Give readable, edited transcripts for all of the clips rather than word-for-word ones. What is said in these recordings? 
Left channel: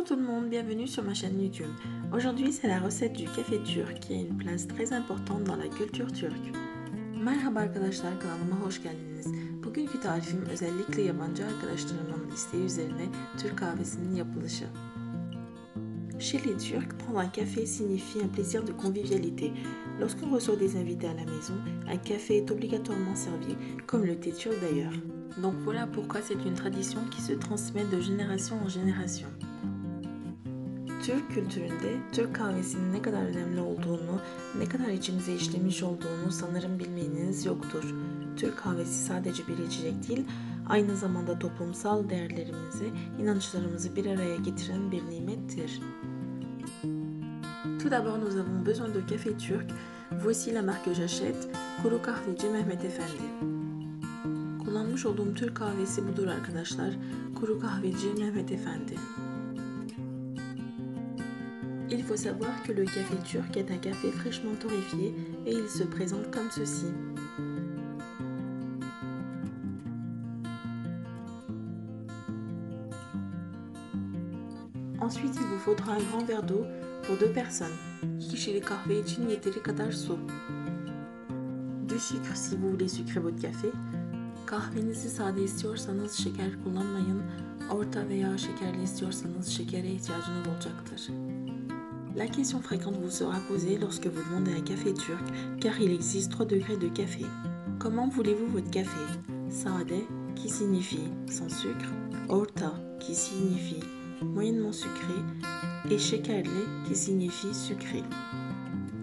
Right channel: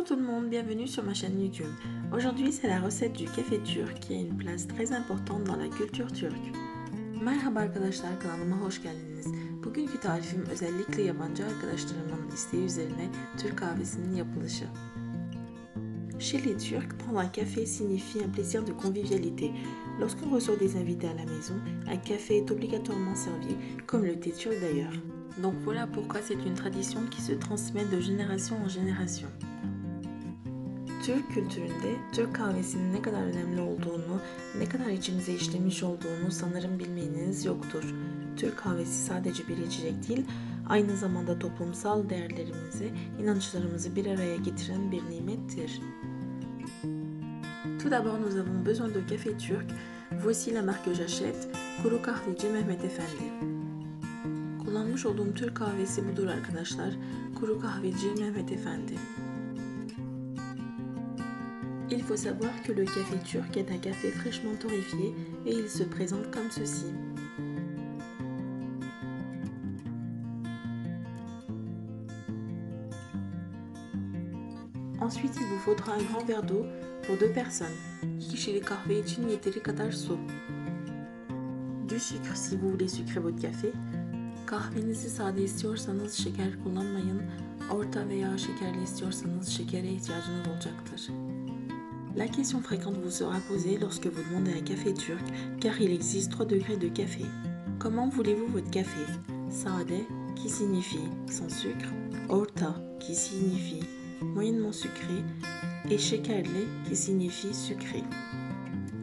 Bonjour tout le monde, bienvenue sur ma chaîne YouTube. Aujourd'hui c'est la recette du café turc qui a une place très importante dans la culture turque. Merhaba arkadaşlar, kanalıma hoş geldiniz. Bugünkü tarifim özellikle yabancı arkadaşlarımın isteği üzerine Türk kahvesinin yapılışı. Chez les Turcs, prendre un café signifie un plaisir de convivialité. Lorsqu'on reçoit des invités à la maison, un café est obligatoirement servi, comme le thé turc d'ailleurs. Donc voilà pourquoi c'est une tradition qui se transmet de génération en génération. Türk kültüründe Türk kahvesinin ne kadar önemli olduğunu, ne kadar içimize işlemiş olduğunu sanırım bilmeyeniniz yoktur. Türk kahvesi sadece bir içecek değil, aynı zamanda toplumsal değerlerimizi, inançlarımızı bir araya getiren bir nimettir. Tout d'abord, nous avons besoin de café turc. Voici la marque que j'achète, Kuru Kahveci Mehmet Efendi. Kullanmış olduğum Türk kahvesi budur arkadaşlar. Kuru Kahveci Mehmet Efendi. Il faut savoir que le café turc est un café fraîchement torréfié et il se présente comme ceci. Ensuite, il vous faudra un grand verre d'eau pour 2 personnes. 2 kişilik kahve için yeteri kadar su. Du sucre si vous voulez sucrer votre café. Kahvenizi sade istiyorsanız şeker kullanmayın. Orta veya şekerli istiyorsanız şekere ihtiyacınız olacaktır. La question fréquente vous sera posée lorsque vous demandez un café turc, car il existe 3 degrés de café. Comment voulez-vous votre café? Sade, qui signifie sans sucre, orta, qui signifie moyennement sucré, et şekerli, qui signifie sucré.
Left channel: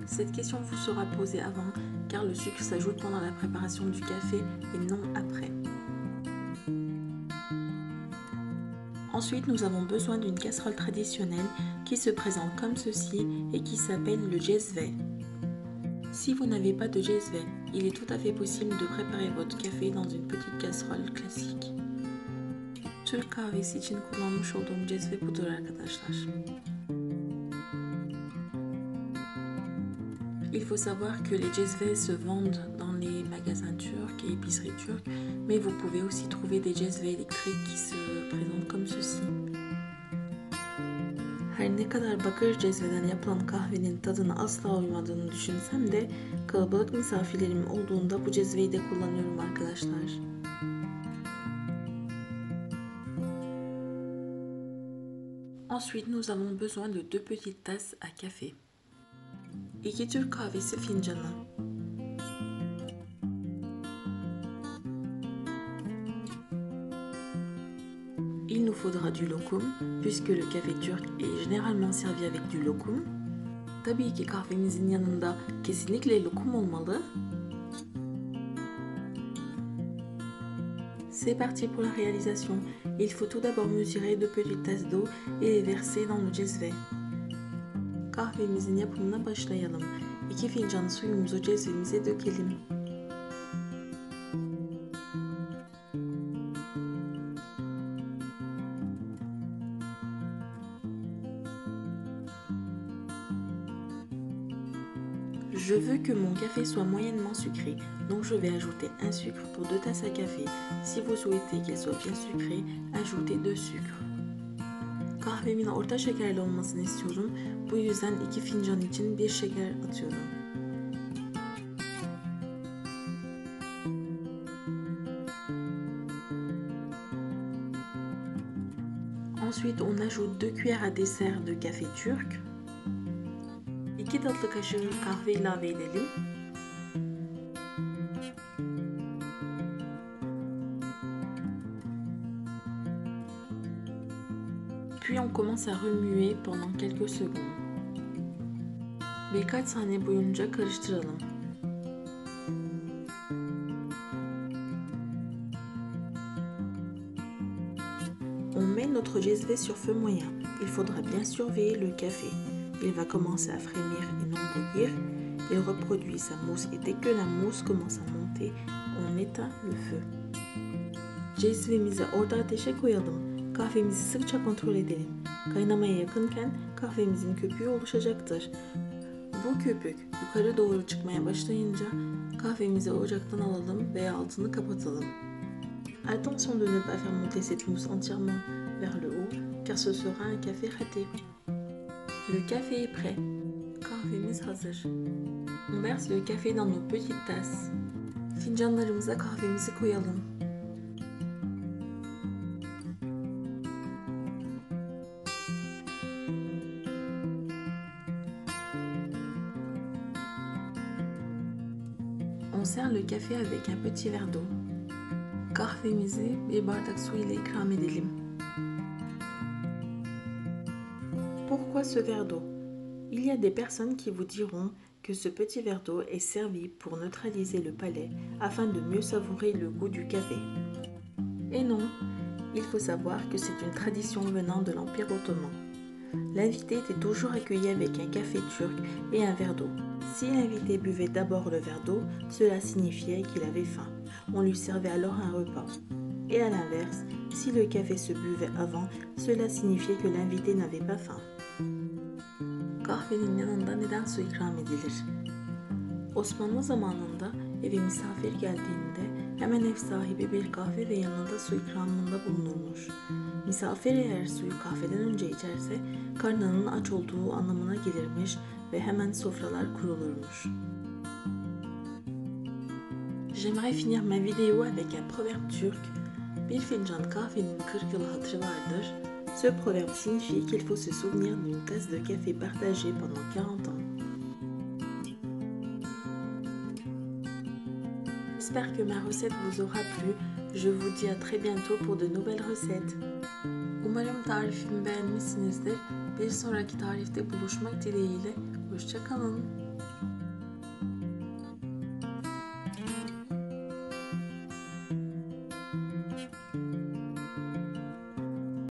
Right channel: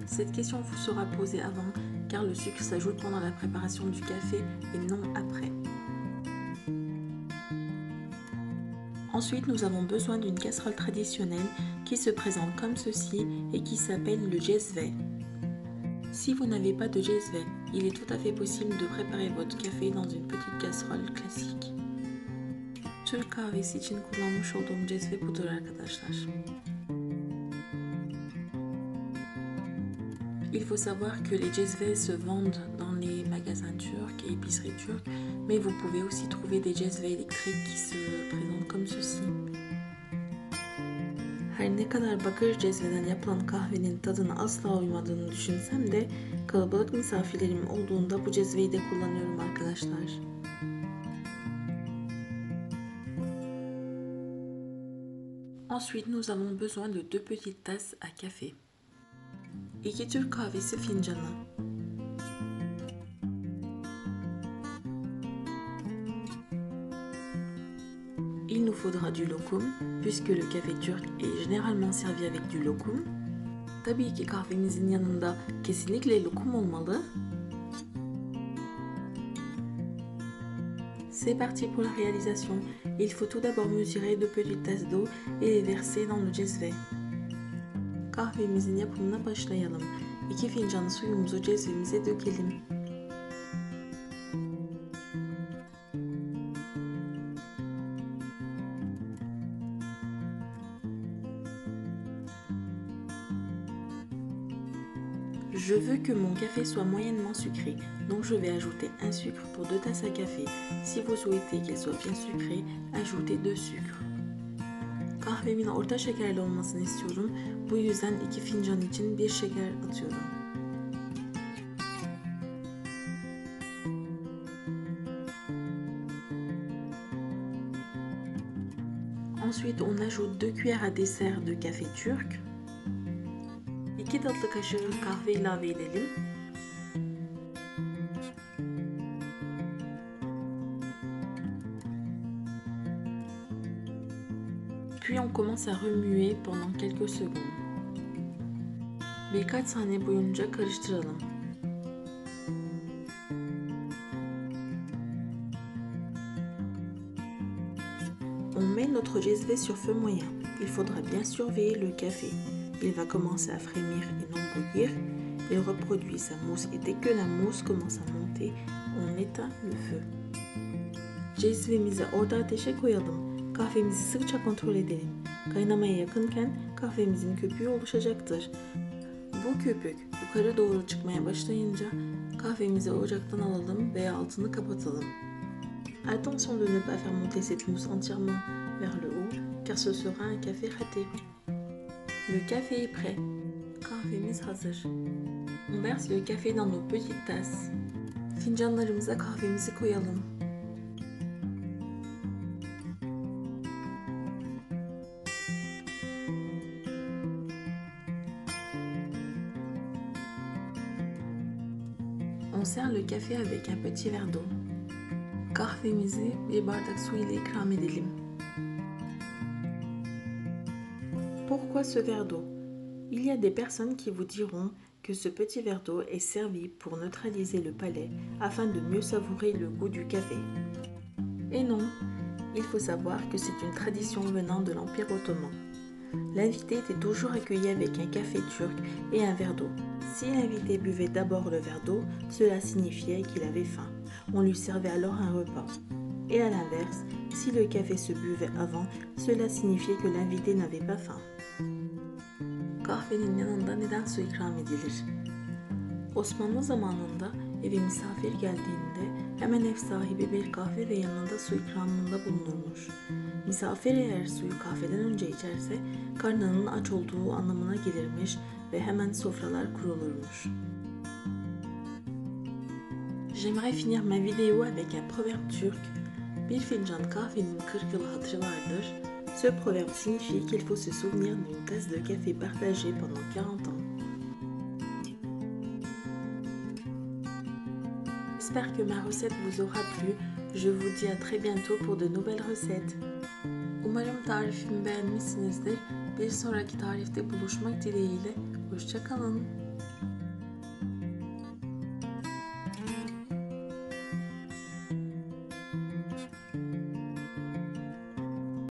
Cette question vous sera posée avant, car le sucre s'ajoute pendant la préparation du café et non après. Ensuite, nous avons besoin d'une casserole traditionnelle qui se présente comme ceci et qui s'appelle le cezve. Si vous n'avez pas de cezve, il est tout à fait possible de préparer votre café dans une petite casserole classique. Türk kahvesi için kullanmış olduğum cezve budur arkadaşlar. Il faut savoir que les cezves se vendent dans les magasins turcs et épiceries turques, mais vous pouvez aussi trouver des cezve électriques qui se présentent comme ceci. Her ne kadar bakır cezveden yapılan kahvenin tadına asla uymadığını düşünsem de kalabalık misafirlerim olduğunda bu cezveyi de kullanıyorum arkadaşlar. Ensuite, nous avons besoin de 2 petites tasses à café. 2 Türk kahvesi fincanı. Il nous faudra du lokum, puisque le café turc est généralement servi avec du lokum. Tabii ki kahvemizin yanında kesinlikle lokum olmalı. C'est parti pour la réalisation. Il faut tout d'abord mesurer 2 petites tasses d'eau et les verser dans le cezve. Kahvemizin yapımına başlayalım. 2 fincan suyumuzu cezvemize dökelim. Je veux que mon café soit moyennement sucré, donc je vais ajouter un sucre pour 2 tasses à café. Si vous souhaitez qu'il soit bien sucré, ajoutez 2 sucres. Kahvemin orta şekerli olmasını istiyorum. Bu yüzden 2 fincan için 1 şeker atıyorum. Ensuite, on ajoute 2 cuillères à dessert de café turc. 2 tatlı kaşığı kahve ilave edelim. Puis on commence à remuer pendant quelques secondes. Birkaç saniye boyunca karıştıralım. On met notre cezve sur feu moyen. Il faudra bien surveiller le café. Il va commencer à frémir et non bouillir. Il reproduit sa mousse et dès que la mousse commence à monter, on éteint le feu. Cezvemizi orta ateşe koyalım. Kahvemizi sıkça kontrol edelim. Kaynamaya yakınken kahvemizin köpüğü oluşacaktır. Bu köpük yukarı doğru çıkmaya başlayınca kahvemizi ocaktan alalım ve altını kapatalım. Attention de ne pas faire monter cette mousse entièrement vers le haut, car ce sera un café raté. Le café est prêt. Kahvemiz hazır. On verse le café dans nos petites tasses. Fincanlarımıza kahvemizi koyalım. On sert le café avec un petit verre d'eau. Kahvemizi bir bardak su ile ikram edelim. Pourquoi ce verre d'eau? Il y a des personnes qui vous diront que ce petit verre d'eau est servi pour neutraliser le palais afin de mieux savourer le goût du café. Et non, il faut savoir que c'est une tradition venant de l'Empire ottoman. L'invité était toujours accueilli avec un café turc et un verre d'eau. Si l'invité buvait d'abord le verre d'eau, cela signifiait qu'il avait faim. On lui servait alors un repas. Et à l'inverse, si le café se buvait avant, cela signifiait que l'invité n'avait pas faim. Kahvenin yanında neden su ikram edilir? Osmanlı zamanında eve misafir geldiğinde hemen ev sahibi bir kahve ve yanında su ikramında bulunurmuş. Misafir eğer suyu kahveden önce içerse karnının aç olduğu anlamına gelirmiş ve hemen sofralar kurulurmuş. J'aimerais finir ma vidéo avec un proverbe turc. Bir fincan kahvenin 40 yıl hatırı vardır. Ce proverbe signifie qu'il faut se souvenir d'une tasse de café partagée pendant 40 ans. J'espère que ma recette vous aura plu. Je vous dis à très bientôt pour de nouvelles recettes. Umarım tarifimi beğenmişsinizdir. Bir sonraki tarifte buluşmak dileğiyle. Hoşça kalın.